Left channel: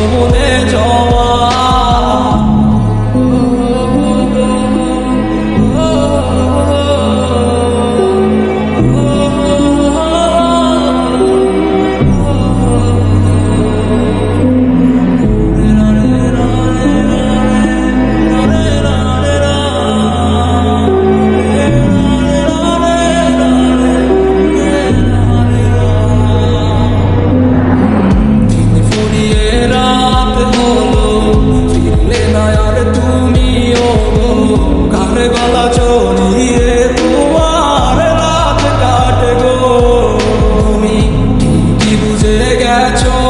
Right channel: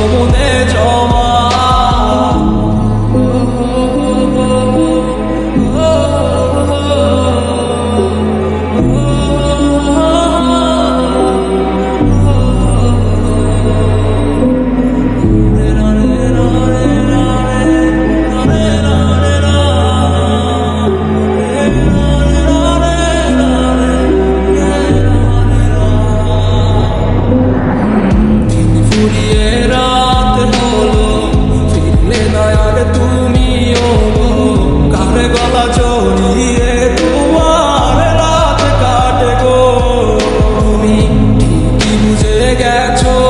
영원해 গলা চড়িয়ে তোমার রাত কাটে গো। তুমি ঠিকই বুঝে গেছো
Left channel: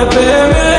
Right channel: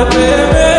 repeme